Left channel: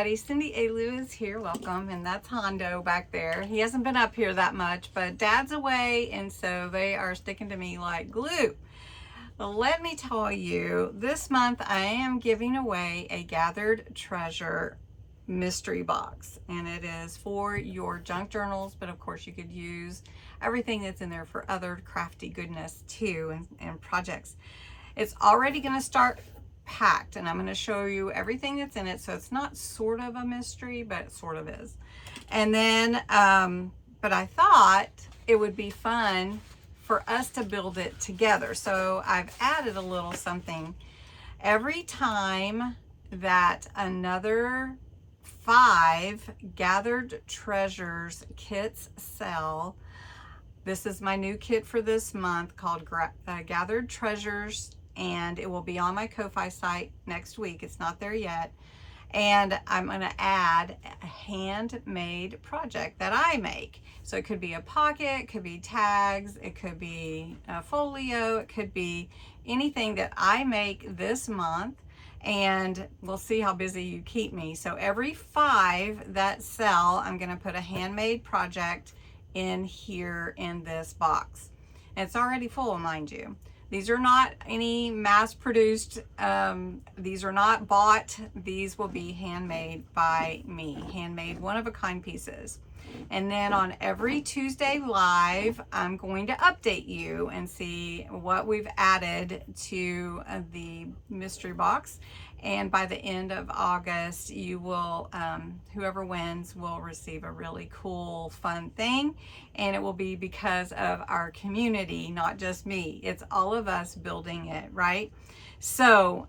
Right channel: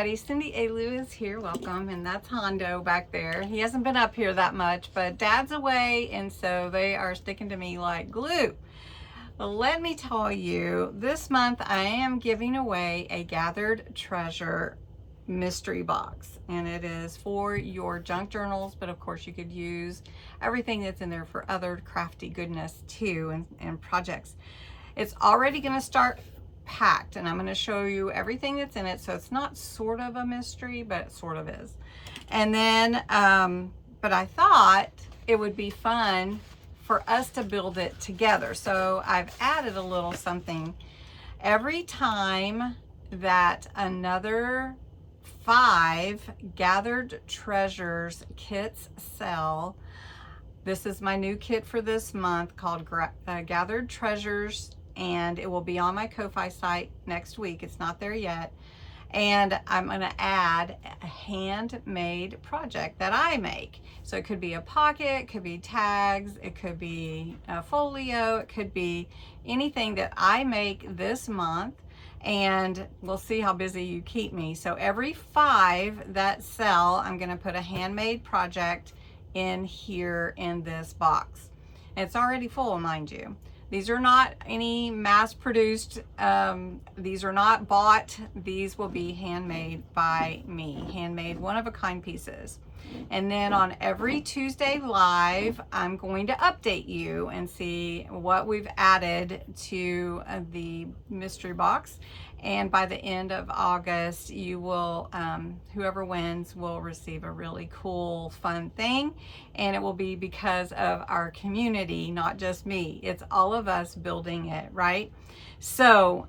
everybody, CindyALewis here, welcome, and that's Hondo back there. He hasn't been up here that much, but Dad's away, and so they are sticking to me like glue. Well, let me tell you, this month I am giving away a Gathered Treasure mystery box, and it is for your junk journals, but of course you could use everything that's in there for other crafty goodness too, and projects. It's already going to start packed, and I'm going to show you everything that's in it, so it's not sort of a mystery, but it sort of is. And then but I thought it would be fun for us to build it together, so I've added a little something. Every time that another 5 Gathered Treasures kits sell, this is my new kit for this month called Gathered Treasures, and it will be on my Ko-Fi site next week. It's not there yet. And I'm going to add a handmade project that I make. So it could be a pocket, it could be tags, it could be a folio, it could be anything that I make this month, and we'll see how busy you keep me. So every 5 that sell, I'm going to put a handmade project in here in this box. And it's already full, mind you. These are not any mass-produced, these are not bought. These will be handmade by me, handmade one-of-a-kind pieces. And then on every Tuesday Live, I'm going to update you and see what we've added to the mystery box. And by the end of August, you will, whoever wins will receive a really cool, fun thing. And it will be because of our community, not just me. It's all of us building it, right? So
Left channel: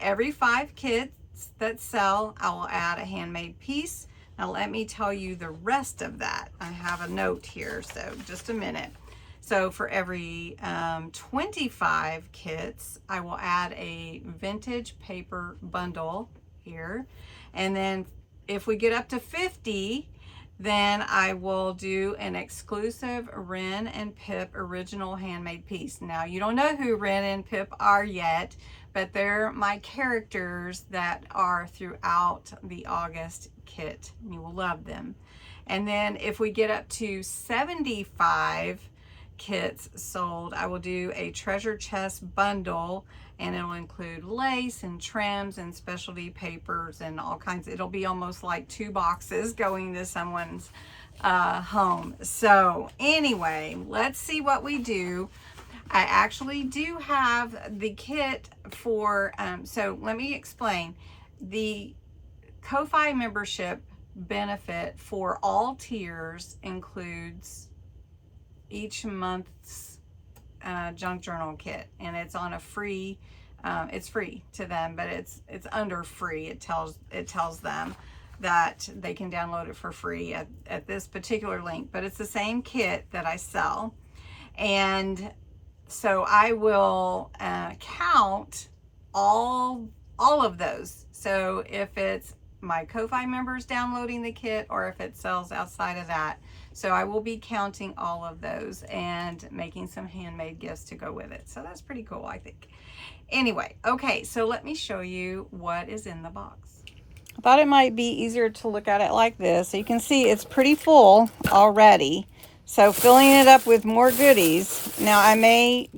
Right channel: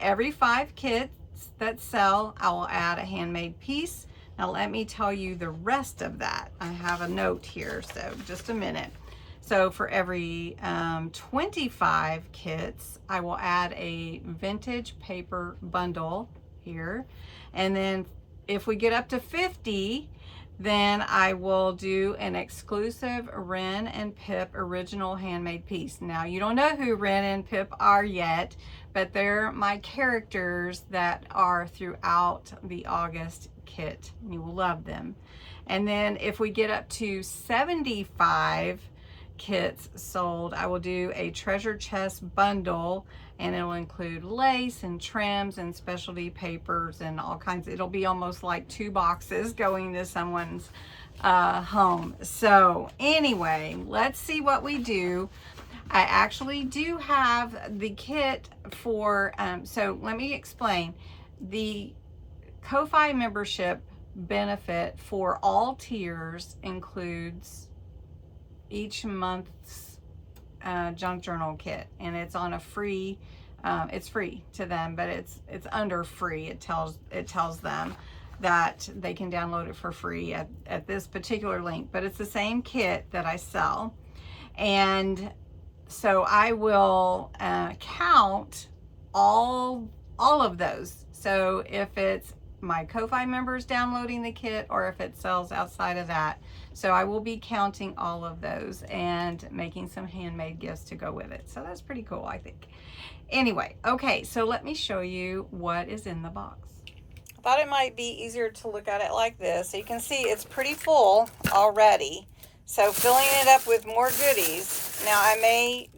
every 5 kits that sell, I will add a handmade piece. Now let me tell you the rest of that. I have a note here, so just a minute. So for every 25 kits, I will add a vintage paper bundle here. And then if we get up to 50, then I will do an exclusive Wren and Pip original handmade piece. Now, you don't know who Wren and Pip are yet, but they're my characters that are throughout the August kit. You will love them. And then if we get up to 75 kits sold, I will do a treasure chest bundle, and it'll include lace and trims and specialty papers and all kinds. It'll be almost like 2 boxes going to someone's home. So anyway, let's see what we do. I actually do have the kit for, so let me explain. The Ko-Fi membership benefit for all tiers includes each month's junk journal kit, and it's on a free, it's free to them, but it's under free. It tells them that they can download it for free at this particular link, but it's the same kit that I sell. And so I will count all of those. So if it's my Ko-Fi members downloading the kit, or if it sells outside of that. So I will be counting all of those and making some handmade gifts to go with it. So that's pretty cool, I think. Anyway, okay, so let me show you what is in the box. I thought it might be easier to look at it like this. So you can see it's pretty full already. So filling it up with more goodies. Now I may,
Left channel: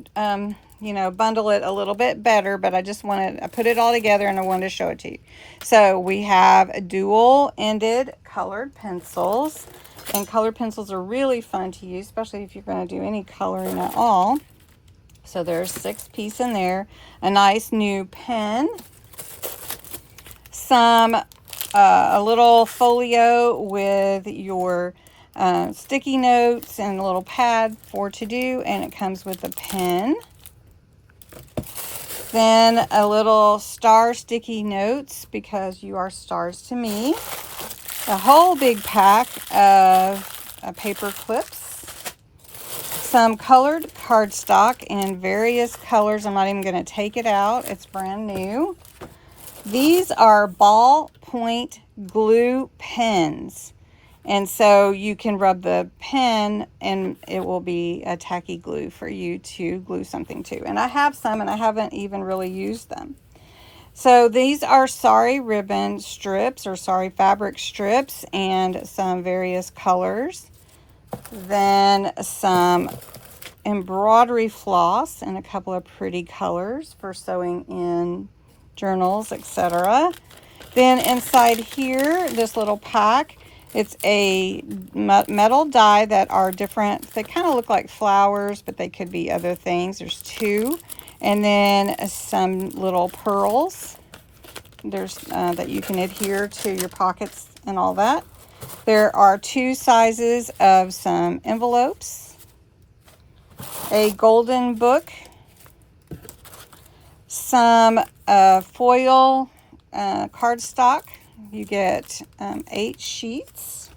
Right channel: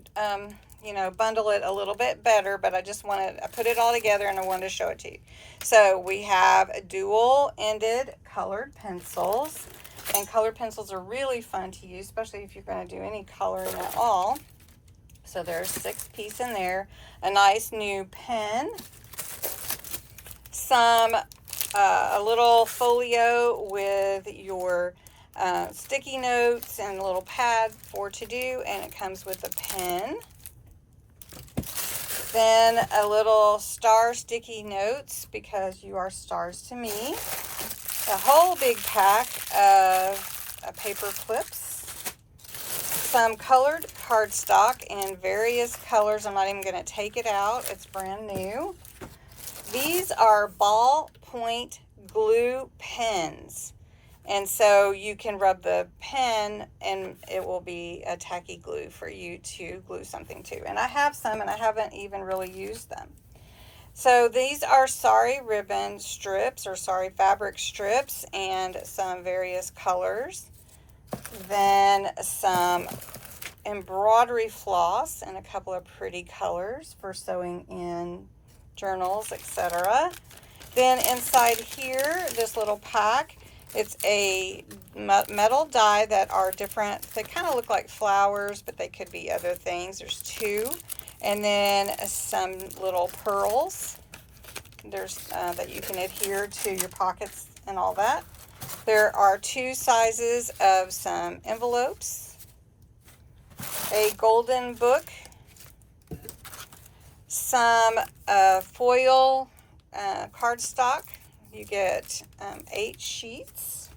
you know, bundle it a little bit better, but I just wanted to put it all together and I wanted to show it to you. So we have dual-ended colored pencils, and colored pencils are really fun to use, especially if you're going to do any coloring at all. So there's 6 pieces in there, a nice new pen, some a little folio with your sticky notes and a little pad for to do, and it comes with a pen. Then a little star sticky notes, because you are stars to me. A whole big pack of paper clips. Some colored cardstock in various colors. I'm not even going to take it out. It's brand new. These are ballpoint glue pens. And so you can rub the pen and it will be a tacky glue for you to glue something to. And I have some and I haven't even really used them. So these are sari ribbon strips or sari fabric strips and some various colors. Then some embroidery floss and a couple of pretty colors for sewing in journals, etc. Then inside here, this little pack, it's a metal die that are different. They kind of look like flowers, but they could be other things. There's 2. And then some little pearls. There's that you can adhere to your pockets and all that. There are 2 sizes of some envelopes. A golden book. Some foil cardstock. You get 8 sheets.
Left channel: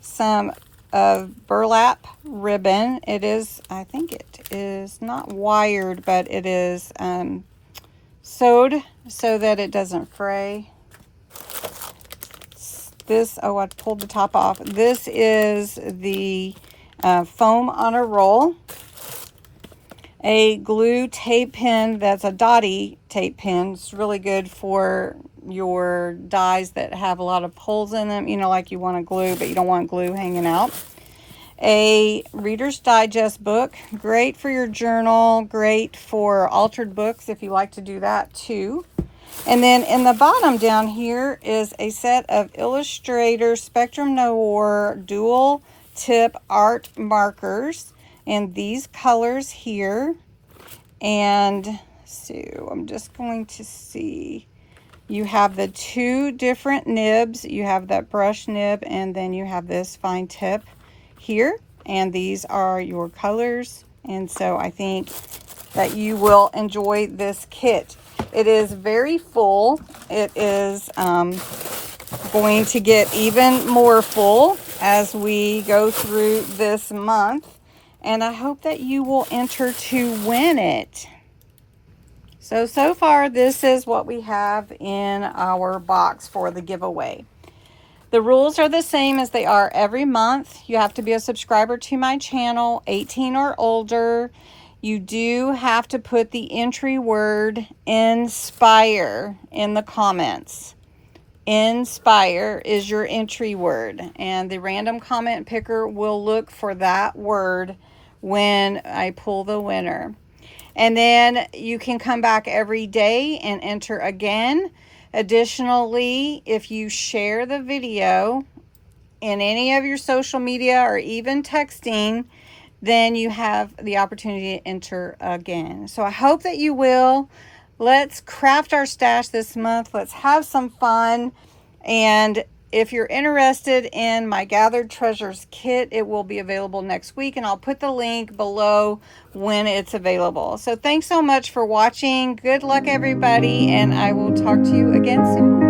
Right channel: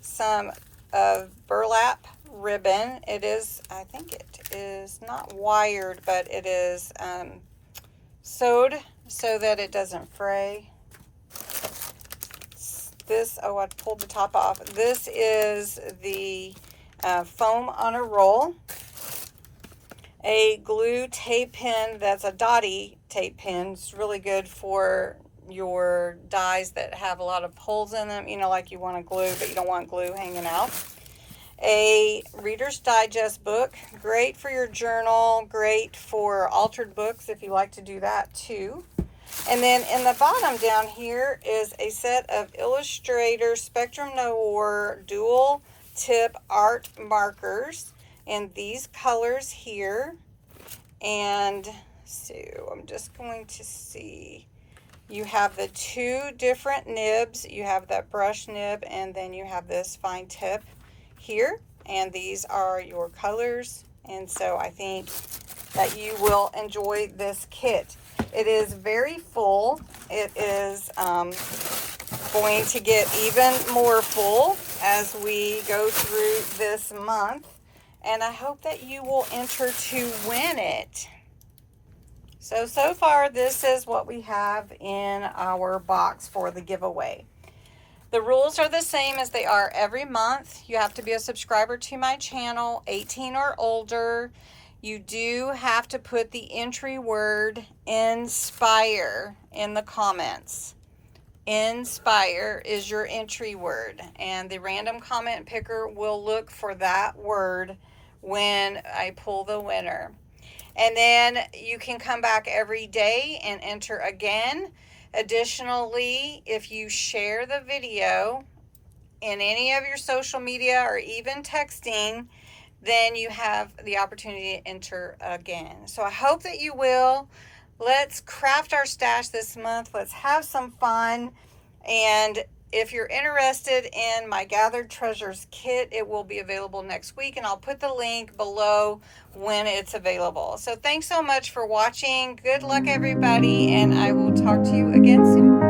Some burlap ribbon. It is, I think it is not wired, but it is sewed so that it doesn't fray. This, oh, I pulled the top off. This is the foam on a roll. A glue tape pen that's a dotty tape pen. It's really good for your dies that have a lot of holes in them, you know, like you want to glue, but you don't want glue hanging out. A Reader's Digest book, great for your journal, great for altered books if you like to do that too. And then in the bottom down here is a set of Illustrator Spectrum Noir dual tip art markers in these colors here. And so I'm just going to see, you have the 2 different nibs. You have that brush nib, and then you have this fine tip here, and these are your colors. And so I think that you will enjoy this kit. It is very full. It is going to get even more full as we go through this month, and I hope that you will enter to win it. So far this is what we have in our box for the giveaway. The rules are the same as they are every month. You have to be a subscriber to my channel, 18 or older. You do have to put the entry word INSPIRE in the comments. INSPIRE is your entry word, and the random comment picker will look for that word when I pull the winner. And then you can come back every day and enter again. Additionally, if you share the video in any of your social media or even texting, then you have the opportunity to enter again. So I hope that you will. Let's craft our stash this month. Let's have some fun. And if you're interested in my Gathered Treasures kit, it will be available next week, and I'll put the link below when it's available. So thanks so much for watching. Good luck, everybody, and I will talk to you again soon.